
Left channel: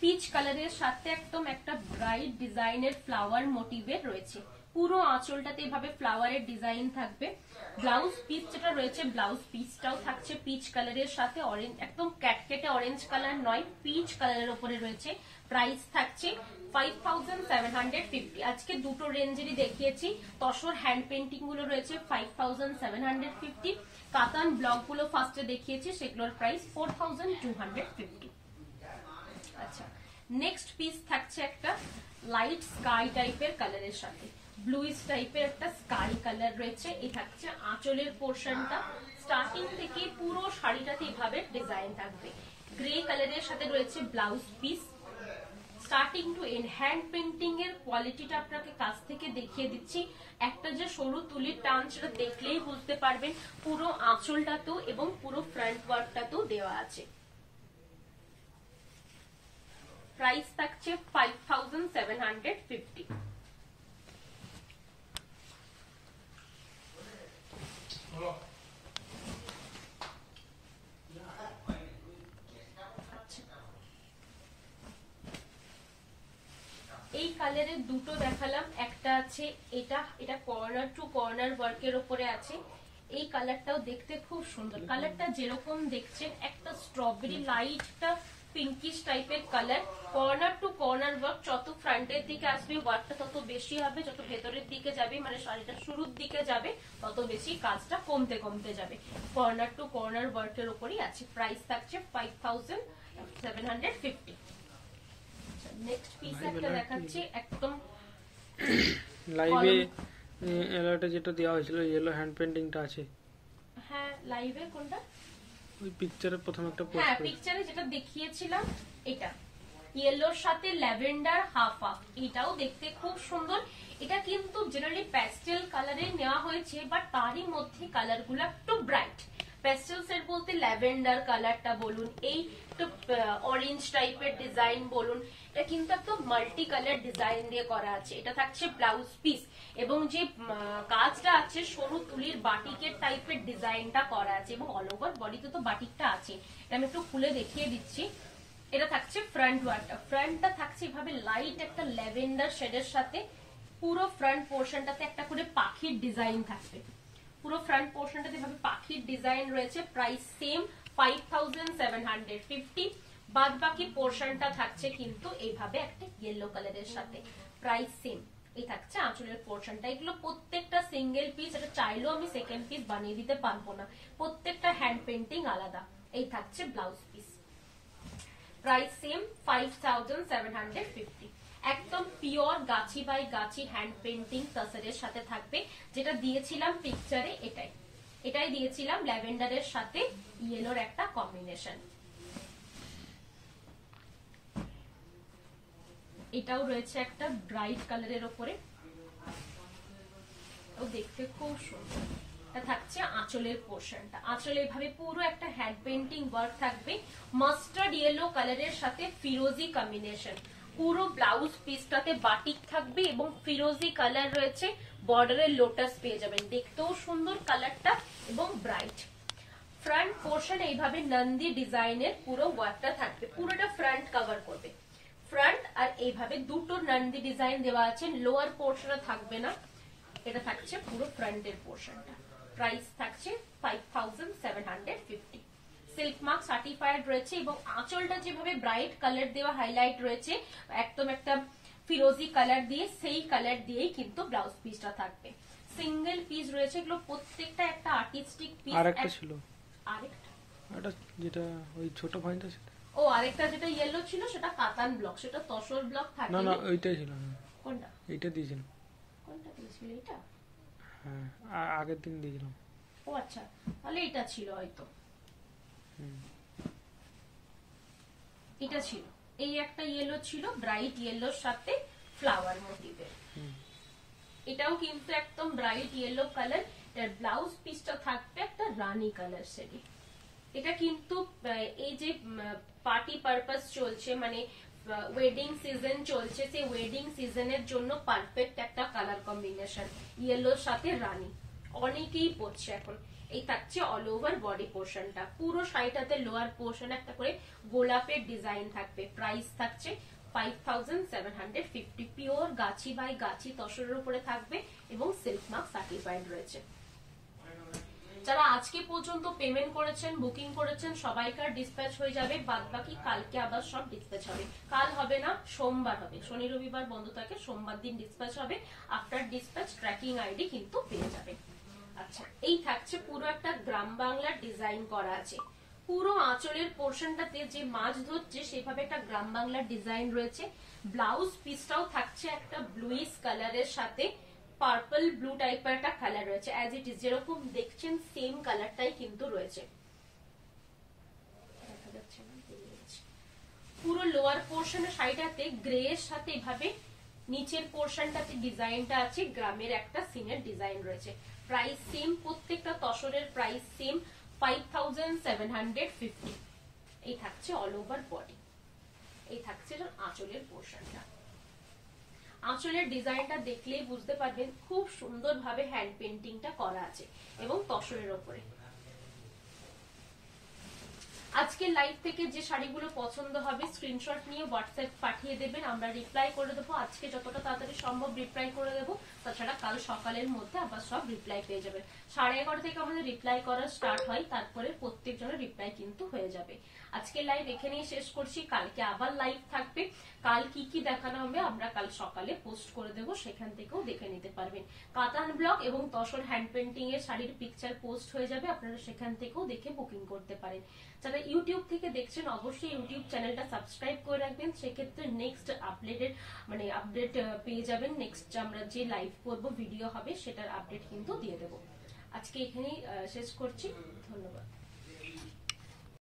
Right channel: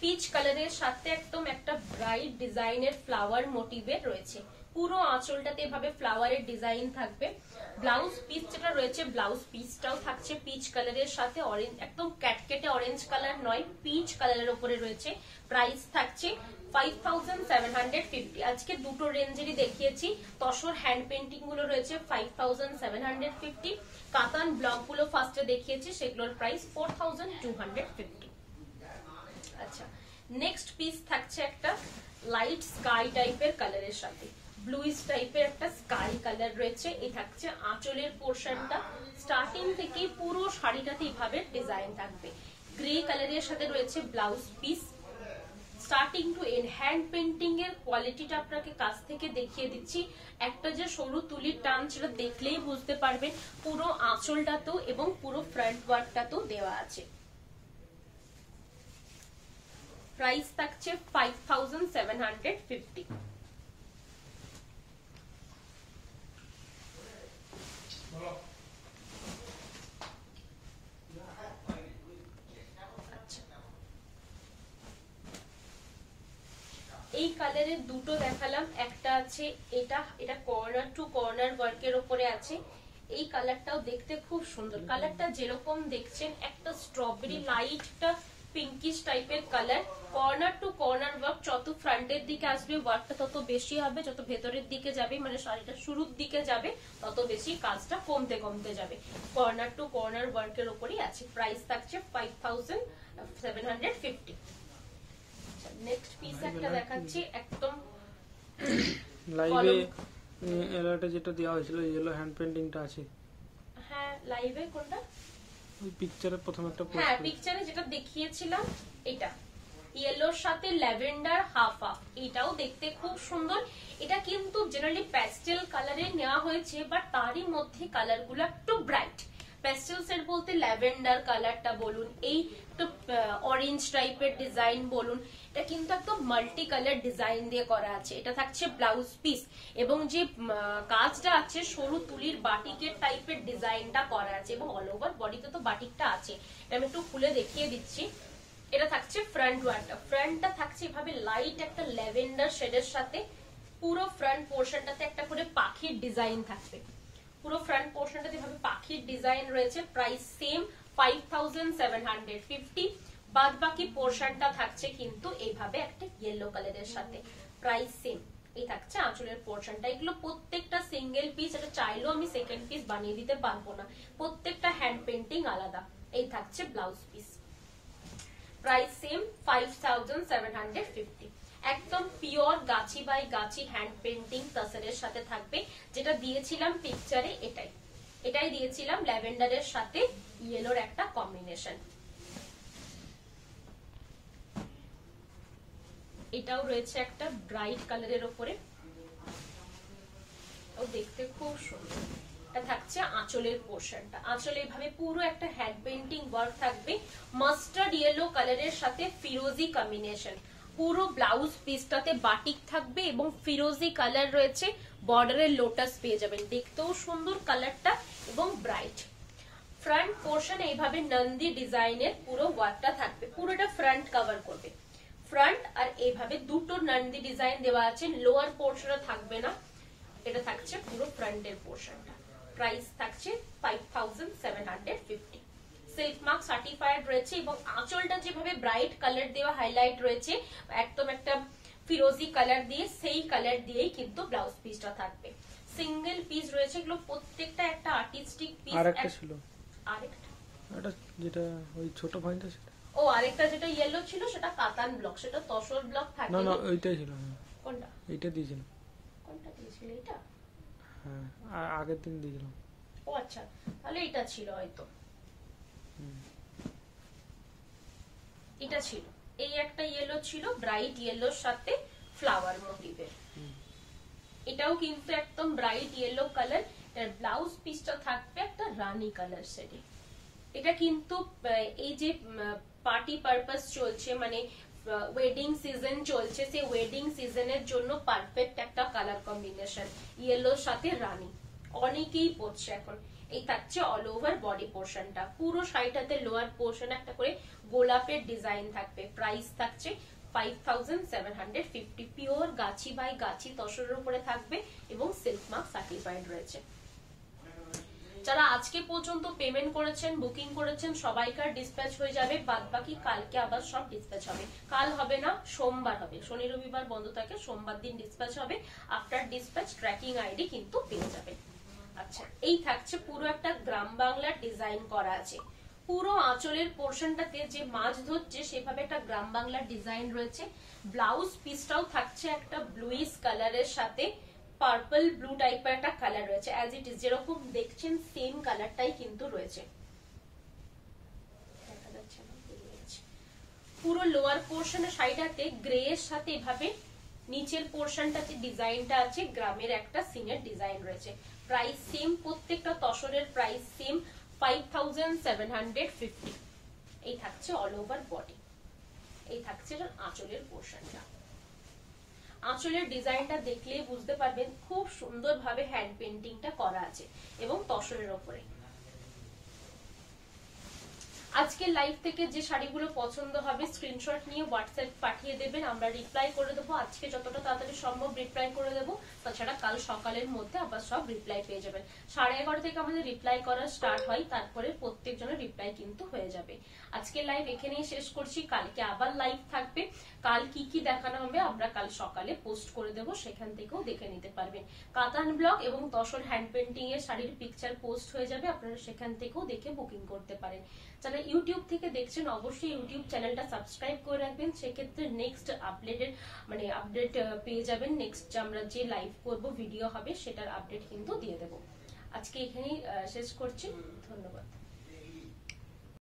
পিচ কালারের সাথে একদম একটা ব্রাইট ডিজাইনের ফ্লাওয়ার মোটিভের রয়েছে। পুরো আঁচলটাতে এভাবে ফ্লাওয়ারের ডিজাইন থাকবে। ব্লাউজ পিস যেটা রয়েছে, ব্লাউজ পিসটাও থাকছে পিচ কালারের সাথে অরেঞ্জ, একদম ক্যাটকেটে অরেঞ্জ কালার নয়, পিচ কালারের উপরে রয়েছে। প্রাইস থাকছে 5750। আজকে দুটো রেঞ্জেরই দেখিয়েছি। তসর হ্যান্ড পেইন্টিং গুলো রয়েছে 5750। কাতান ব্লক গুলো ফার্স্টে দেখিয়েছি, সেগুলোর প্রাইস 4250। আচ্ছা, নেক্সট পিস থাকছে একটা লাইট স্কাই টাইপের কালারের সাথে, ব্লুইশ টাইপের একটা স্কাই কালার রয়েছে। এই থাকছে আঁচলের পোর্শনটা। স্টার্টিং থেকে পুরো শাড়িটাতে এইভাবে ডিজাইন থাকবে। গ্রে কালারের সাথে রয়েছে blouse piece. Starting to end hand painting এর কোয়ালিটিটা আপনাকে কাছ থেকে দেখিয়ে দিচ্ছি। একটা যে সরু তুলির টান, সেটা দেখলেই বুঝতে পারবেন। পুরো আঁচলটাতেও এবং পুরো ফ্রন্ট ওয়ার্কটাতেও দেওয়া আছে। প্রাইস থাকছে 5750। এই কালারের দুটো দেখালাম, একটা আছে এটা কর্নার টু কর্নার ওয়ার্কের উপরে আছে। এই কালারটাও দেখতে খুব সুন্দর। কালারটা যেরকম দেখছেন একটা স্ট্রবেরি লাইটটা পিঙ্কিশ টাইপের colour. Corner to corner work, যত ফ্রন্টের দিকে আসবে ওয়ার্কটা তত বেশি হবে, যত ভেতরের দিকে যাবে মানে শাড়িটা শুরুর দিকে যাবে তত বেশি কাজটা কমতে কমতে যাবে। কর্নার টু কর্নার ওয়ার্কের উপরই আছে। প্রাইস থাকছে 5750। নেক্সট পিস একটা দেখাচ্ছি একদম লাইভে এলাটা যেটা দেওয়া হয়েছিল ইয়েলো হ্যান্ড পেইন্টিংটা আছে। হ্যাঁ, লাইভে কোনটা? ওই পিকচারে প্রথম একটা পোস্ট, হ্যাঁ পিকচারে যেটা দেখিয়েছিলাম এটা ইয়েলোর সাথে ল্যাভেন্ডার হাফ হাফ। এটাও দেখতে খুব সুন্দর। এটা কিন্তু জেনারেলি প্যাস্টেল কালারে নেওয়া হয়েছে, বাট তারই মধ্যে কালার গুলো একটু ব্রাইট। প্যাস্টেল সেট বলতে ল্যাভেন্ডার কালারটা বলুন, এই একটু অরেঞ্জ টাইপের ডিজাইন বলুন, এটা কিন্তু একদম মাল্টি কালার ডিজাইন দিয়ে করা আছে। এটা থাকছে ব্লাউজ পিস এবং যে কাজটা আছে সরু তুলির বাটিকের টাইপের ডিজাইনটা করা আছে এবং অল ওভার বডিতে তো বাটিকটা আছে। এটা আমি একটু খুলে দেখিয়ে দিচ্ছি। এটা থাকছে ফ্রন্ট ওয়ার্কটা। ফ্রন্টটা থাকছে এভাবে লাইট একটা ল্যাভেন্ডার শেডের সাথে। পুরো ফ্রন্ট পোর্শনটাতে একটা করে পাখির ডিজাইন থাকবে। পুরো ফ্রন্ট পোর্শনটাতে এভাবে পাখির ডিজাইন রয়েছে। Price same 5750। বাদ বাকি পোর্শনটা থাকছে কিন্তু এইভাবে একটা ইয়েলো কালারের সাথে। Price same. এই থাকছে আঁচলের পোর্শনটা। এগুলো প্রত্যেকটা সিঙ্গেল পিস, এটা চাইলেও আমি সেকেন্ড পিস বানিয়ে দিতে পারবো না, প্রত্যেকটা হ্যান্ড পেইন্টিং আলাদা। এই থাকছে ব্লাউজ পিস। Price same 5750। একদম pure Gachhi by Gachhi hand painting তাসরের সাথে থাকবে। যেটা দিয়েছিলাম পিকচারে এটাই দিয়েছিলাম, ল্যাভেন্ডারের সাথে ইয়েলোর একটা কম্বিনেশন। এটাও রয়েছে একটা ব্রাইট কালারের উপরে, ও দেখতে খুব সুন্দর। এটা থাকছে আঁচলের পোর্শনটা। আঁচলে এভাবে পুরো একটা হ্যান্ড পেইন্টিং ওয়ার্ক থাকবে। মাস্টার্ড ইয়েলো কালারের সাথে ফিরোজি কম্বিনেশন। পুরো ব্লাউজ পিসটাতে বাটিক থাকবে এবং ফিরোজি কালার রয়েছে। বর্ডারের লোটাস পেয়ে যাবেন, দেখতেও সুন্দর কালারটা এবং ব্রাইট। ফ্রন্ট পোর্শন এইভাবে নন্দী ডিজাইনের পুরো ওয়ার্কটা থাকবে, পুরোটা ফ্রন্ট কভার করবে। ফ্রন্ট আর এইভাবে দুটো নন্দী ডিজাইন দেওয়া আছে, লোয়ার পোর্শনে থাকবে না। এটা থাকছে পুরো ফ্রন্টের পোর্শনটা। প্রাইস থাকছে 5750। সিল্ক মার্ক সার্টিফাইড রয়েছে এবং আঁচলটা যেভাবে ব্রাইট কালার দেওয়া হাইলাইট রয়েছে একদম একটা ফিরোজি কালার দিয়ে, সেই কালার দিয়েই কিন্তু ব্লাউজ পিসটা থাকবে। সিঙ্গেল পিস রয়েছে, এগুলো প্রত্যেকটা একটা আর্টিস্টিক পিস। আরেকটা ছিল, আরেকটা যেটা ওই ছোট পয়েন্ট আছে ও আরেকটা যেটা ইয়েলো ছিল সেটা কাতান ব্লক, সেটা তসর ব্লক থাকে না না ওইটাই ছিল। কোনটা? এইটা দিয়েছিল। কোনটা দিয়েছিল? এটা? হ্যাঁ আগের দিন দিয়েছিলাম। ও আচ্ছা, তাহলে এটা ছিল হয়তো। এটা ছিল, এই একটা ইয়েলো ছিল ব্রাইট ইয়েলোর সাথে ফ্লাওয়ার মোটিভের। এটাও কিন্তু একদম ব্রাইট ইয়েলো কালার। এর ব্লাউজ পিসটা থাকবে একটা রানী কালার শেডে। এটা কিন্তু এই যে পার্টি পারপাস চলছে, মানে ওয়েডিং সিজন চলছে, সেই ওয়েডিং সিজনের জন্য পারফেক্ট একটা কালার কম্বিনেশন, ইয়েলোর সাথে রানী। অনেকেই পড়ছে এখন। এই থাকছে অল ওভার বডি পোর্শনটা, পুরো শাড়িটাতে লোয়ার পোর্শন একটা করে গোলাপের ডিজাইন থাকবে। প্রাইস থাকছে 5750, পিওর গাছি বাই গাছি তসরের উপরে থাকবে এবং সিল্ক মার্ক সার্টিফাইড রয়েছে। যারা আজকে পর্যন্ত পেমেন্ট করেছেন, বুকিং করেছেন, সবাইকার ডিসপ্যাচ হয়ে যাবে। বাদ বাকি কালকে আবার সব ডিসপ্যাচ হবে। কাল হবে না, সোমবার হবে। শনি রবিবার বন্ধ থাকে, সোমবার দিন ডিসপ্যাচ হবে। আফটার ডিসপ্যাচ ট্র্যাকিং আইডি কিন্তু পেয়ে যাবে। আচ্ছা, এই থাকছে পুরো একটা গ্রাম বাংলার ডিজাইন করা আছে। পুরো আঁচলের পোর্শনটাতে যে মাছ ধরছে সেভাবে একটা গ্রাম বাংলার ডিজাইন রয়েছে। ব্লাউজ পিসটাও থাকছে একটা ব্লুইশ কালারের সাথে পার্পল ব্লু টাইপের একটা কালার রয়েছে। অ্যাজ ইট ইজ যেরকম দেখছেন সেম কালারটাই কিন্তু রয়েছে। পুরো লোয়ার পোর্শনের শাড়িটাতে গ্রে এর সাথে এভাবে নিচের পোর্শনটাতে ডিজাইনটা আছে, গ্রামের একটা সিনের ডিজাইন রয়েছে। প্রাইস সেম, প্রত্যেকটা তসরের প্রাইস সেম 5750। এই থাকছে অল ওভার বডি। এই থাকছে আঁচলের পোর্শনটা। আঁচলের ডিজাইনটা দেখলেই বুঝতে পারবেন খুব সুন্দরভাবে হ্যান্ড পেন্টিংটা করা আছে এবং তসরের ওপরে। আজকে লাইভ থেকে যে শাড়িগুলো পছন্দ হবে স্ক্রিনশট নিয়ে হোয়াটসঅ্যাপ পাঠিয়ে দেবেন, আমরা রিপ্লাই করে দেবো। আজকে যতটা তাড়াতাড়ি সম্ভব রিপ্লাই করে দেবো, তাছাড়া কাল সকালের মধ্যে আবার সব রিপ্লাই পেয়ে যাবেন। 11:30 থেকে আমাদের রিপ্লাই করা স্টার্ট হয়, তারপরে প্রত্যেকজনের রিপ্লাই কিন্তু হয়ে যাবে। আজকে লাইভ এখানেই শেষ করছি, কালকে আবার লাইভ থাকবে। কাল কি কি দেখানো হবে আমরা কাল সকালে পোস্ট করে দেবো, সেখান থেকেও দেখে নিতে পারবেন। কাতান ব্লক এবং তসর হ্যান্ড পেন্টিং এর শাড়ির পিকচার পোস্ট হয়ে যাবে, আপনারা সেখান থেকেও দেখে বুকিং করতে পারেন। যারা ইউটিউব থেকে দেখছেন অবশ্যই ইউটিউব চ্যানেলটা সাবস্ক্রাইব করে রাখবেন, সেক্ষেত্রে নেক্সট আপডেট পেয়ে যাবেন। নেক্সট আমরা যে লাইভ করব ভিডিও হবে সেটার আপডেট কিন্তু দিয়ে দেবো। আজকে এখানেই শেষ করছি, ধন্যবাদ।